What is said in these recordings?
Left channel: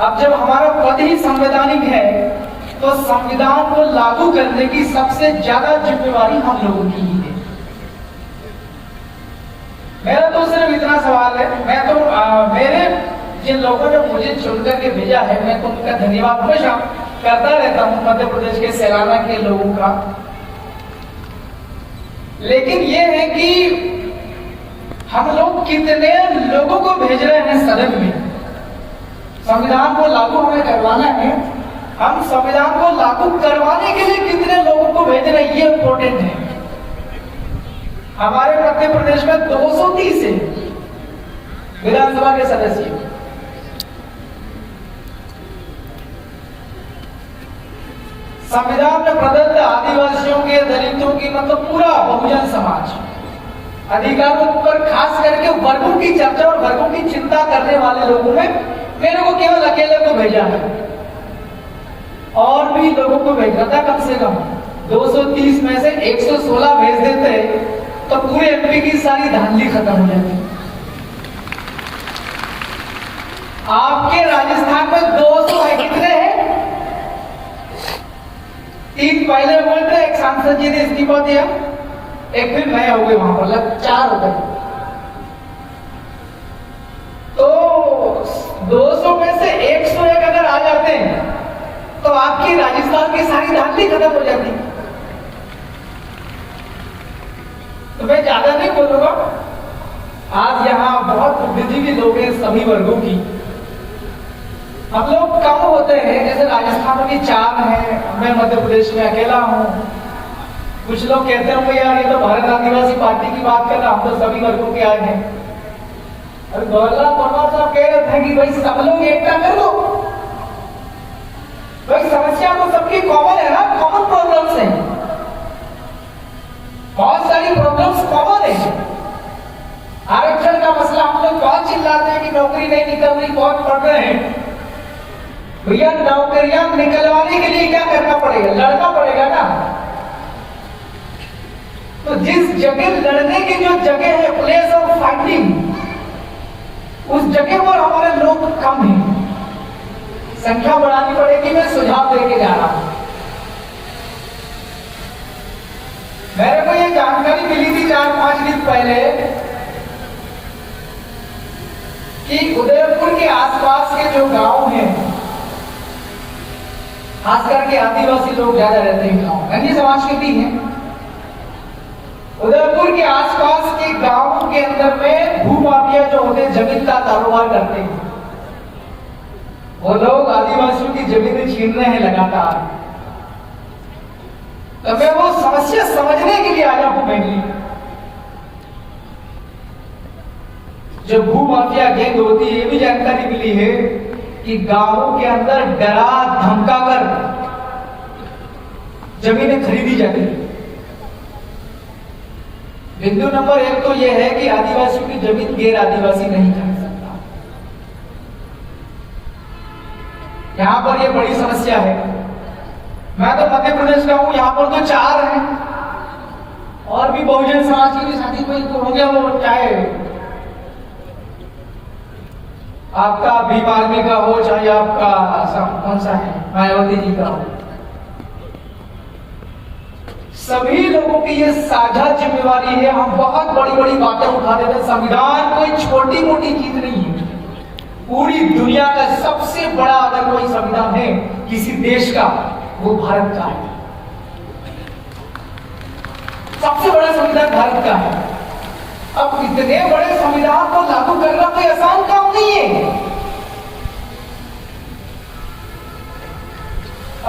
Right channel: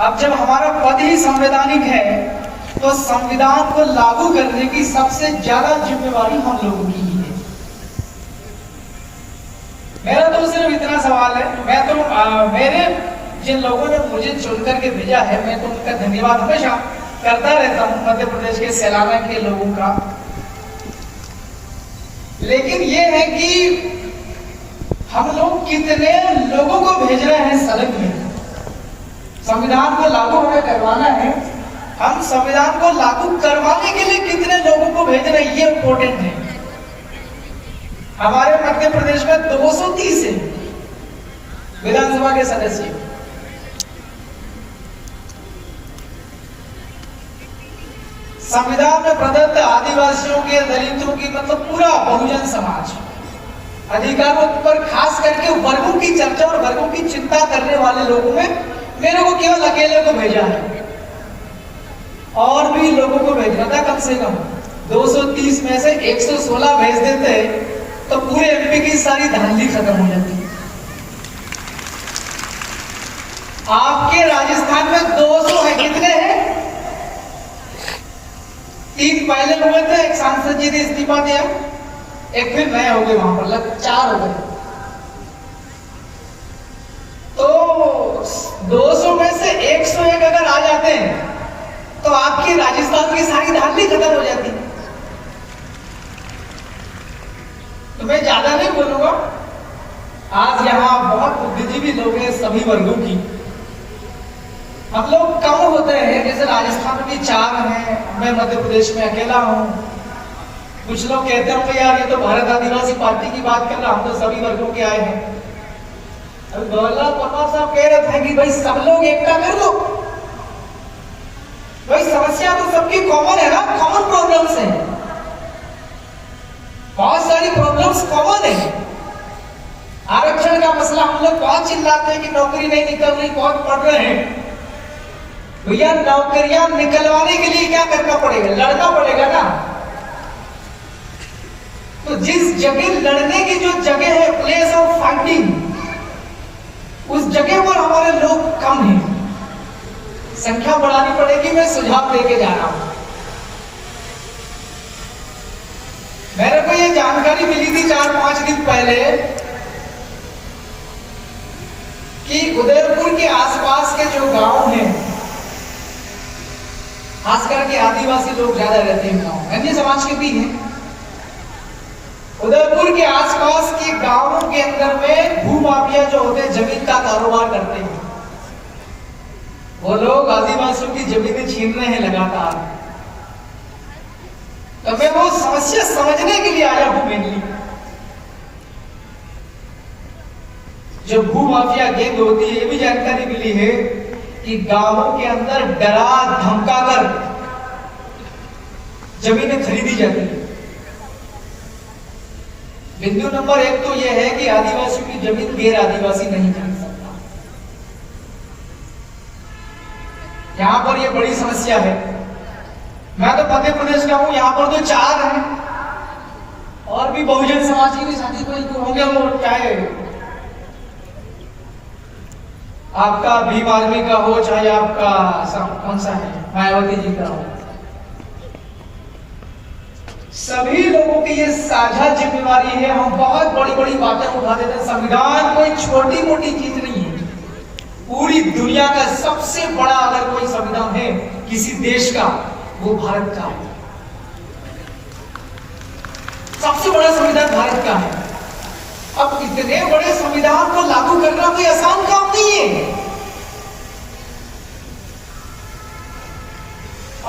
अब जब हमारा पद ही संवैधानिक है तो संविधान को लागू करने की सबसे ज्यादा जिम्मेवारी हम लोगों की ही है। मेरा तो सिर्फ इतना सवाल है, मैं तो मेरे जिन लोगों ने मुझे चुन करके भेजा है, मैं तो उनका धन्यवाद हमेशा करता रहता हूं, मध्य प्रदेश के सैलाना के लोगों का। लेकिन ये है कि हम लोग कितने लोगों को भेज रहे हैं सदन में। संविधान को लागू हमें करवाना है, हम संविधान को लागू करवाने के लिए कितने लोगों को भेज रहे हैं, ये इंपॉर्टेंट है। हमारे मध्य प्रदेश में 230 है विधानसभा के सदस्य। संविधान में प्रदत्त आदिवासियों के, दलितों की, मतलब पूरा बहुजन समाज अधिकारों पर खास करके वर्गों की चर्चा और वर्गों की चिंता करने वाले लोगों में मेरे को केवल अकेले को भेजा है, और भी लोगों को भेजना था। कम से कम 230 में से 116 भेज देते तो पूरे एमपी की सारी धांधली खत्म हो जाती। आपके राजस्थान में 200 है, कितने हैं? 3 पहले हुए थे, एक सांसद जी ने इस्तीफा दिया, एक फिर नए हो गए, वहां पर लग 4 हो गए। तो 200 में से 101 अगर आ जाते हैं तो आपकी राजस्थान की सारी धांधली खत्म हो जाती। तो मैं ज्यादा नहीं बोलूंगा, आज यहाँ बहुत बुद्धिजीवी लोग हैं सभी वर्गों की। हम लोग कम होते हैं, जैसे राजस्थान में भी 4 हैं, मैं मध्य प्रदेश में अकेला हूं। कुछ लोग कहते होंगे यार ये तो भारत आदिवासी पार्टी की बात कर रहा, हम तो सभी वर्गों के आए हैं। अभी गौरलाल परमार साहब कह रहे थे कि भाई सब लोग एकता कर दो। भाई समस्या तो सबकी कॉमन है ना, कॉमन प्रॉब्लम्स हैं, बहुत सारी प्रॉब्लम्स कॉमन है। आरक्षण का मसला हम लोग बहुत चिल्लाते हैं कि नौकरी नहीं निकल रही, बहुत पढ़ रहे हैं। भैया नौकरियां निकलवाने के लिए क्या करना पड़ेगा? लड़ना पड़ेगा ना। तो जिस जगह लड़ने की जो जगह है, प्लेस ऑफ फाइटिंग, उस जगह पर हमारे लोग कम हैं, संख्या बढ़ानी पड़ेगी। मैं सुझाव देके जा रहा हूं। मेरे को ये जानकारी मिली थी 4-5 दिन पहले कि उदयपुर के आसपास के जो गांव हैं, खास करके आदिवासी लोग ज्यादा रहते हैं गांव, अन्य समाज के भी हैं। उदयपुर के आसपास के गांवों के अंदर में भूमाफिया जो होते हैं, जमीन का कारोबार करते हैं, वो लोग आदिवासियों की जमीनें छीन रहे हैं लगातार। तो मैं वो समस्या समझने के लिए आया हूं। मेनली जो भूमाफिया गैंग होती है, ये भी जानकारी मिली है कि गांवों के अंदर डरा धमका कर जमीनें खरीदी जाती है। बिंदु नंबर 1 तो यह है कि आदिवासियों की जमीन गैर आदिवासी नहीं खरीद सकता। यहां पर यह बड़ी समस्या है। मैं तो मध्य प्रदेश का हूं, यहां पर तो 4 हैं, और भी बहुजन समाज के साथी कोई होंगे, वो चाहे आपका भीम आर्मी का हो, चाहे आपका कौन सा है, मायावती जी का हो। सभी लोगों की ये साझा जिम्मेवारी है। हम बहुत बड़ी बड़ी बातें उठा देते हैं। संविधान कोई छोटी मोटी चीज नहीं है। पूरी दुनिया का सबसे बड़ा अगर कोई संविधान है किसी देश का, वो भारत का है। सबसे बड़ा संविधान भारत का है। अब इतने बड़े संविधान को लागू करना कोई आसान काम नहीं है।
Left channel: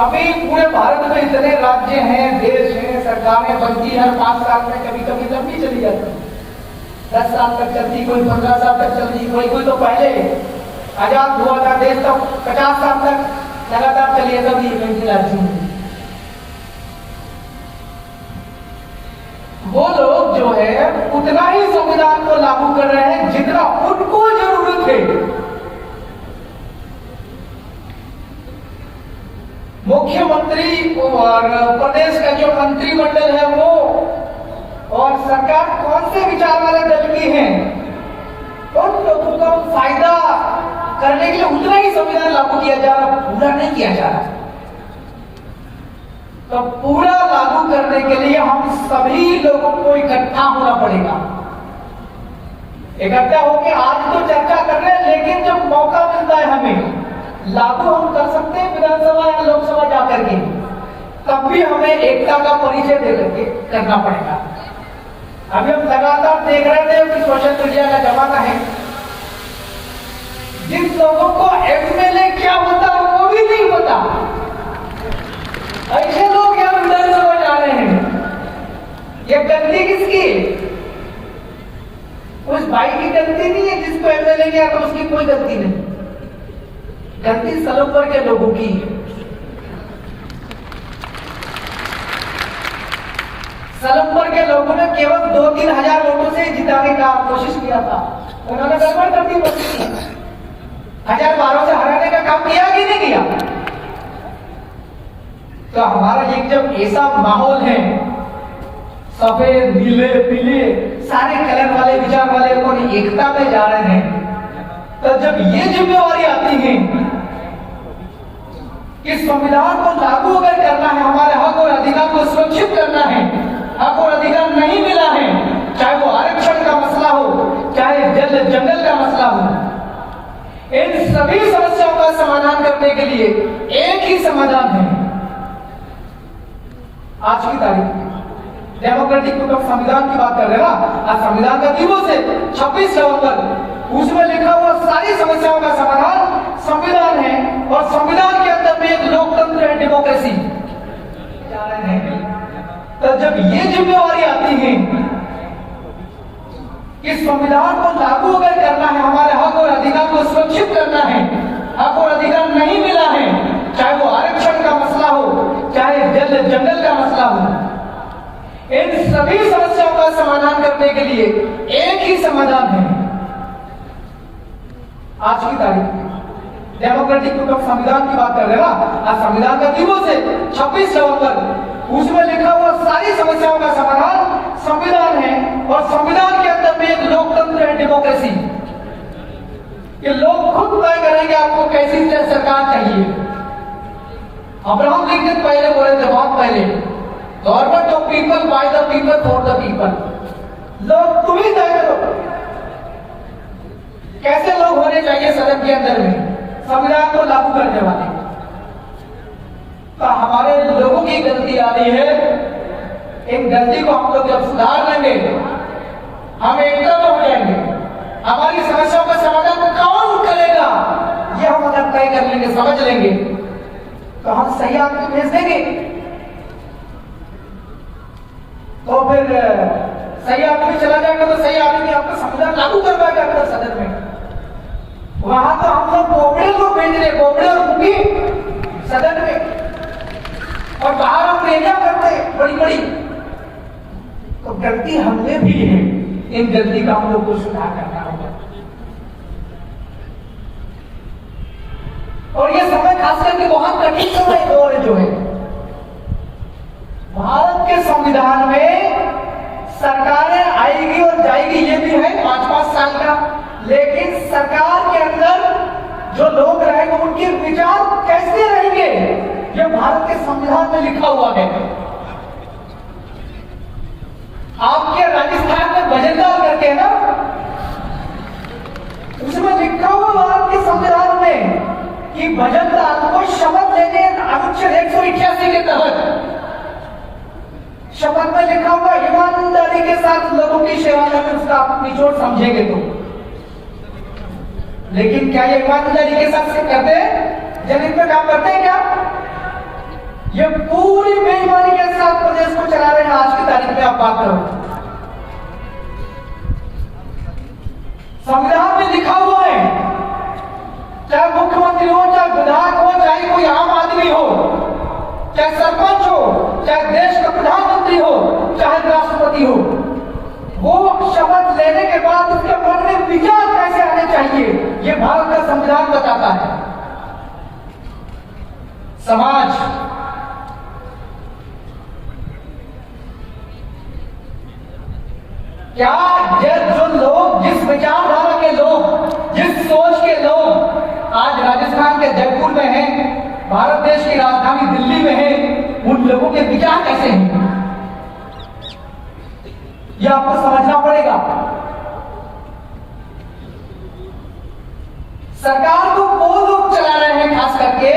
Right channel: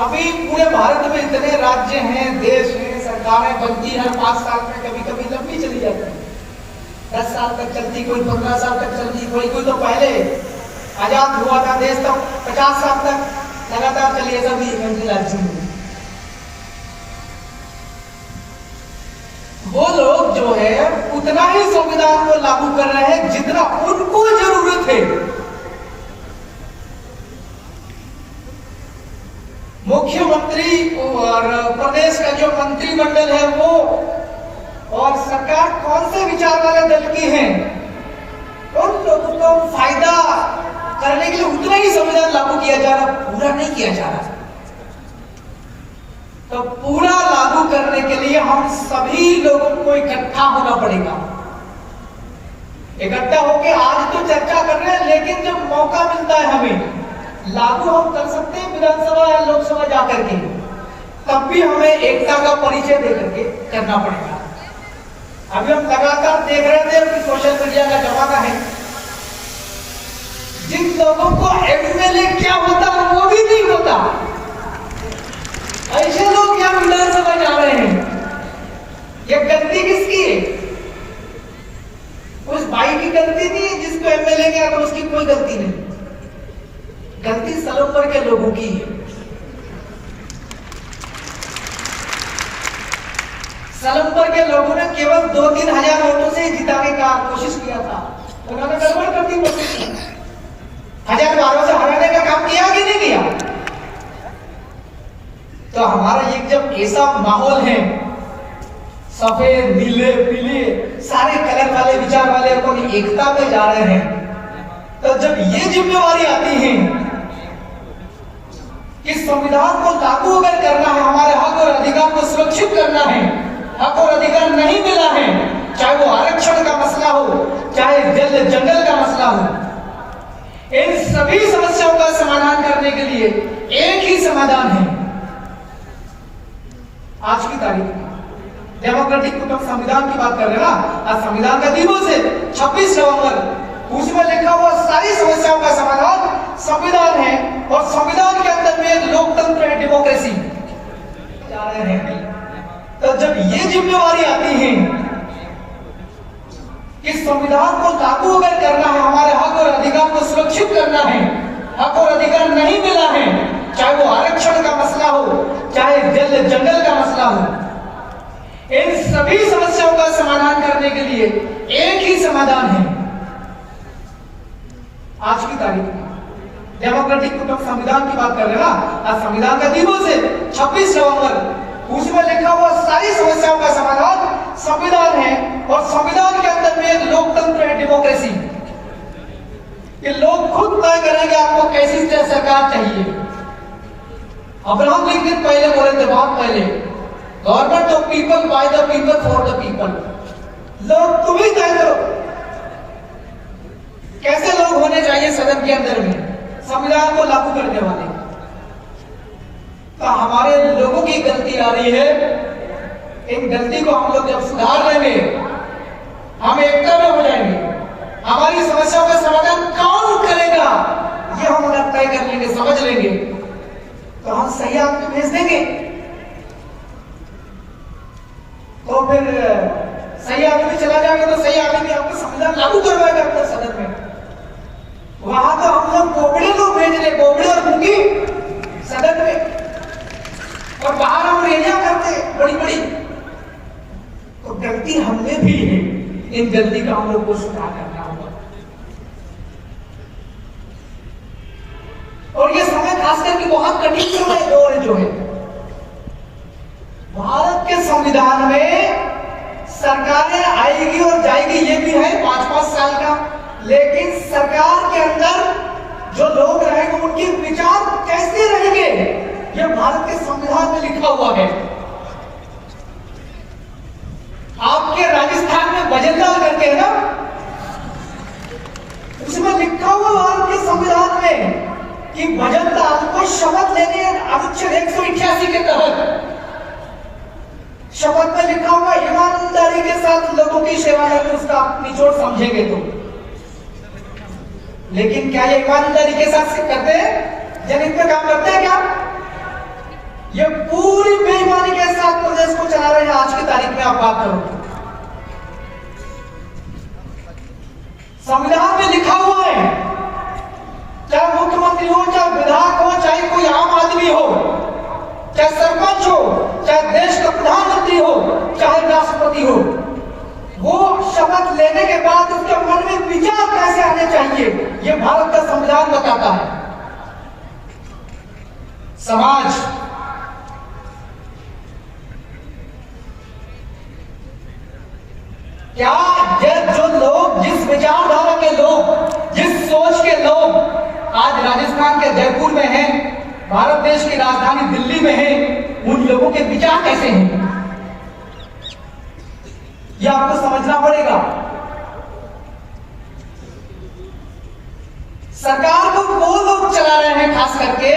अभी पूरे भारत में इतने राज्य हैं, देश हैं, सरकारें बनती है, 5 साल में कभी कभी लंबी चली जाती है, 10 साल तक चलती, कोई 15 साल तक चलती, कोई तो पहले आजाद हुआ था देश तो 50 साल तक लगातार चली है सभी राज्यों में। वो लोग जो है उतना ही संविधान को लागू कर रहे हैं जितना उनको जरूरत है। मुख्यमंत्री और प्रदेश का जो मंत्रिमंडल है वो और सरकार कौन से विचार वाले दल की है, उन लोगों को फायदा करने के लिए उतना ही संविधान लागू किया किया जा रहा, पूरा नहीं किया जा रहा। तो पूरा लागू करने के लिए हम सभी लोगों को इकट्ठा होना पड़ेगा। इकट्ठा होकर आज तो चर्चा कर रहे हैं, लेकिन जब मौका मिलता है हमें लागू हम कर सकते हैं विधानसभा या लोकसभा जाकर के, तब भी हमें एकता का परिचय दे करके करना पड़ेगा। अभी हम लगातार देख रहे थे कि सोशल मीडिया का जमाना है, जिन लोगों को एमएलए क्या होता वो भी नहीं होता, ऐसे लोग यहाँ विधानसभा जा रहे हैं। ये गलती किसकी है? उस भाई की गलती नहीं है जिसको एमएलए गया, तो उसकी कोई गलती नहीं, गलती सलोपर के लोगों की है। सलम्बर के लोगों ने केवल 2-3 हजार वोटों से जिताने का कोशिश किया था, उन्होंने गड़बड़ कर दी। 1012 से हराने का काम किया कि नहीं किया? तो हमारा ये जब ऐसा माहौल है, सफेद नीले पीले सारे कलर वाले विचार वाले अपन एकता में जा रहे हैं, तो जब ये जिम्मेवारी आती है कि संविधान को लागू अगर करना है, हमारे हक और अधिकार को सुरक्षित करना है, हक और अधिकार नहीं मिला है, चाहे वो आरक्षण का मसला हो, चाहे जल जंगल का मसला हो, इन सभी समस्याओं का समाधान करने के लिए एक ही समाधान है। आज की तारीख डेमोक्रेटिक कुटुंब संविधान की बात कर रहे हैं ना, आज संविधान का दिवस है 26 नवंबर, उसमें लिखा हुआ सारी समस्याओं का समाधान संविधान है, और संविधान के अंदर में एक लोकतंत्र है, डेमोक्रेसी जा रहे हैं। तो जब ये जिम्मेवारी आती है कि संविधान को लागू अगर करना है, हमारे हक और अधिकार को सुरक्षित करना है, हक और अधिकार नहीं मिला है, चाहे वो आरक्षण का मसला हो, चाहे जल जंगल का मसला हो, इन सभी समस्याओं का समाधान करने के लिए एक ही समाधान है। आज की तारीख डेमोक्रेटिक कुटुंब संविधान की बात कर रहे हैं ना, आज संविधान का दिवस है 26 नवंबर, उसमें लिखा हुआ सारी समस्याओं का समाधान संविधान है, और संविधान के अंदर में एक लोकतंत्र है, डेमोक्रेसी। ये लोग खुद तय करेंगे आपको कैसी सरकार चाहिए। अब्राहम लिंकन पहले बोले थे, बहुत पहले, government of people, by the people, for the people. लोग तुम ही तय करो कैसे लोग होने चाहिए सदन के अंदर में, संविधान को लागू करने वाले। तो हमारे लोगों की गलती आ रही है, इन गलती को हम लोग जब सुधार लेंगे, हम एकता में हो जाएंगे। हमारी समस्याओं का समाधान कौन करेगा, ये हम अगर तय कर लेंगे, समझ लेंगे, तो हम सही आदमी भेज देंगे। तो फिर सही आदमी चला जाएगा, तो सही आदमी आपका संविधान लागू करवाएगा अपने सदन में। वहां तो हम लोग बोबड़े को भेज रहे, बोबड़े और मुंगी सदन में, और बाहर हम रेजा करते बड़ी बड़ी। तो गलती हमने भी है, इन गलती का हम लोग को सुधार करना होगा। और ये समय खास करके बहुत कठिन समय दौर जो है, भारत के संविधान में सरकारें आएगी और जाएगी, ये भी है 5-5 साल का, लेकिन सरकार के अंदर जो लोग रहेंगे उनके विचार कैसे रहेंगे, ये भारत के संविधान में लिखा हुआ है। आपके राजस्थान में भजनलाल करके है ना, उसमें लिखा हुआ भारत के संविधान में कि भजनलाल को शपथ लेने, अनुच्छेद 188 के तहत शपथ में लिखा हुआ ईमानदारी के साथ लोगों की सेवा करके उसका निचोड़ समझेंगे तो। लेकिन क्या ये ईमानदारी के साथ करते हैं, जमीन पे काम करते हैं क्या? ये पूरी बेईमानी के साथ प्रदेश को चला रहे हैं। आज की तारीख में आप बात करो, संविधान में लिखा हुआ है, चाहे मुख्यमंत्री हो, चाहे विधायक हो, चाहे कोई आम आदमी हो, चाहे सरपंच हो, चाहे देश का प्रधानमंत्री हो, चाहे राष्ट्रपति हो, वो शपथ लेने के बाद उसके मन में विचार कैसे आने चाहिए, ये भारत का संविधान बताता है। समाज क्या, ये जो लोग, जिस विचारधारा के लोग, जिस सोच के लोग आज राजस्थान के जयपुर में हैं, भारत देश की राजधानी दिल्ली में हैं, उन लोगों के विचार कैसे हैं, यह आपको समझना पड़ेगा। सरकार को वो लोग चला रहे हैं खास करके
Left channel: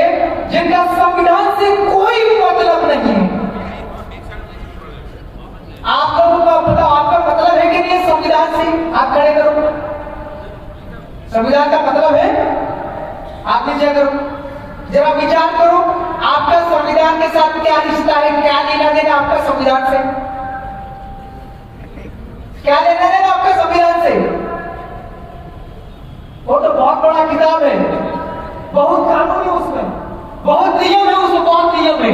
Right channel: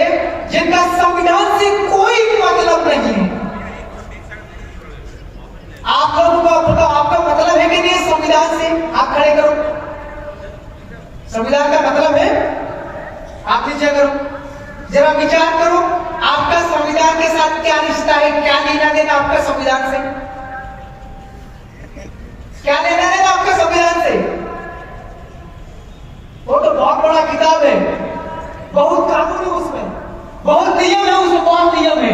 जिनका संविधान से कोई मतलब नहीं है। आप लोगों को बताओ, आपका मतलब है कि नहीं संविधान से? आप खड़े करो। संविधान का मतलब है? आप नीचे करो, जरा विचार करो, आपका संविधान के साथ क्या रिश्ता है, क्या लेना देना आपका संविधान से? क्या लेना देना आपका संविधान से? वो तो बहुत बड़ा किताब है, बहुत कानून है उसमें, बहुत नियम है उसमें, बहुत नियम है।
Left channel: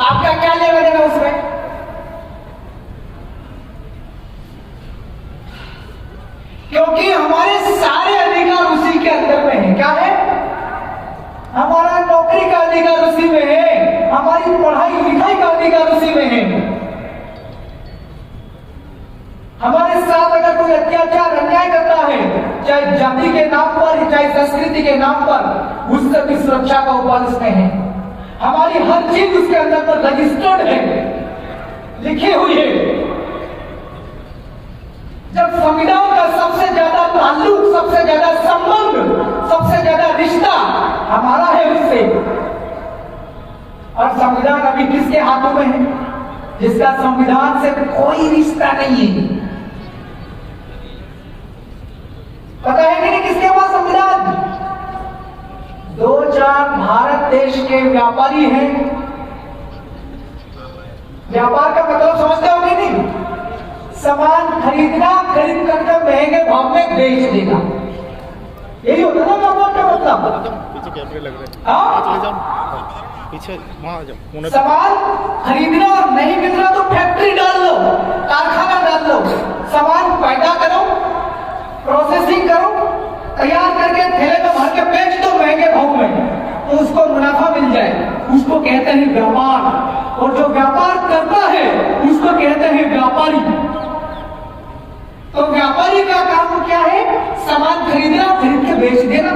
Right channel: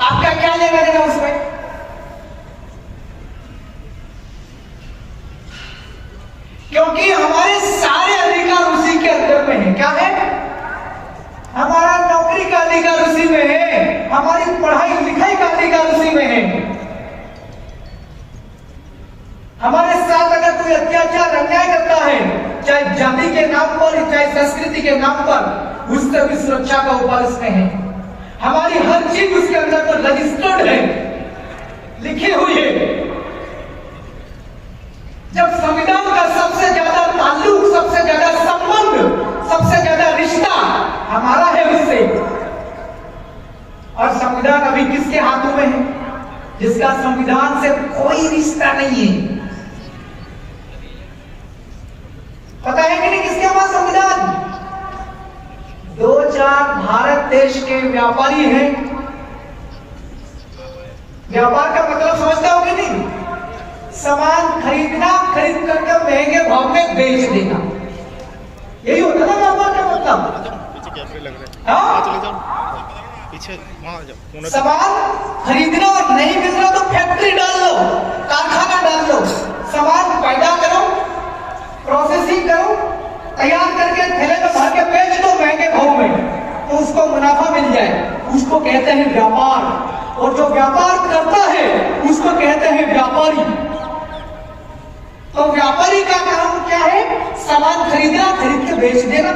आपका क्या लेना देना उसमें? क्योंकि हमारे सारे अधिकार उसी के अंदर में है। क्या है? हमारा नौकरी का अधिकार उसी में है, हमारी पढ़ाई लिखाई का अधिकार उसी में है। हमारे साथ अगर कोई अत्याचार अन्याय करता है, चाहे जाति के नाम पर, चाहे संस्कृति के नाम पर, उससे भी सुरक्षा का उपाय उसमें है। हमारी हर चीज उसके अंदर पर रजिस्टर्ड है, लिखी हुई है। जब संविधान का सबसे ज्यादा ताल्लुक, सबसे ज्यादा संबंध, सबसे ज्यादा रिश्ता हमारा है उससे, और संविधान अभी किसके हाथों में है? जिसका संविधान से कोई रिश्ता नहीं है। पता है कि नहीं किसके पास संविधान? 2-4 भारत देश के व्यापारी हैं। व्यापार का मतलब समझता हो कि नहीं? सामान खरीदना, खरीद करके महंगे भाव में बेच देना, यही होता है ना व्यापार का मतलब। पीछे कैमरे लग रहे हैं, हाँ? चले जाओ पीछे, वहां आ जाओ। सामान खरीदना और नहीं मिल रहा तो फैक्ट्री डाल लो, कारखाना डाल लो, सामान पैदा करो, प्रोसेसिंग करो, तैयार करके थैले में भर के बेच दो महंगे भाव में, तो उसको मुनाफा मिल जाए, उसको कहते हैं व्यापार। और जो व्यापार करता है उसको कहते हैं व्यापारी। तो व्यापारी का काम क्या है? सामान खरीदना, खरीद के बेच देना।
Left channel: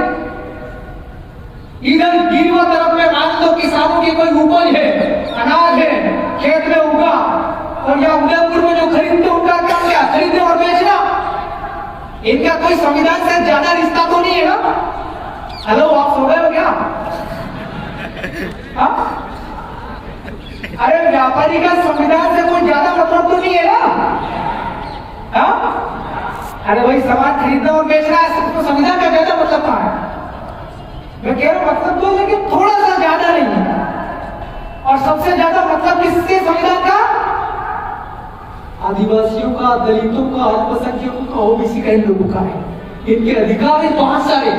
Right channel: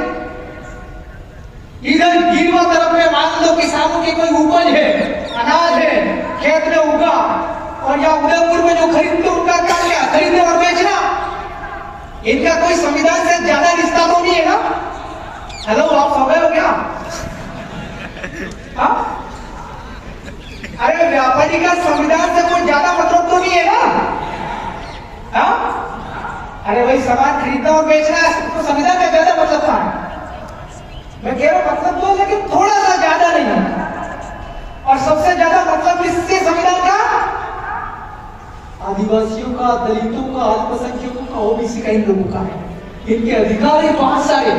इधर गिरवा तरफ में मान लो किसानों की कोई उपज है, अनाज है, खेत में उगा, और या उदयपुर में जो खरीदते उनका काम क्या? खरीदना और बेचना। इनका कोई संविधान से ज्यादा रिश्ता तो नहीं है ना? हेलो, आप सो गए हो क्या? हाँ? अरे व्यापारी का संविधान से कोई ज्यादा मतलब तो नहीं है ना? हाँ? अरे भाई, सामान खरीदना और बेचना है तो संविधान का ज्यादा मतलब कहाँ है? मैं कह रहा हूं मतलब तो, लेकिन थोड़ा सा ज्यादा नहीं है। और सबसे ज्यादा मतलब किसके संविधान का? आदिवासियों का, दलितों का, अल्पसंख्यकों का, ओबीसी का, इन लोगों का है। इनके अधिकार है बहुत सारे।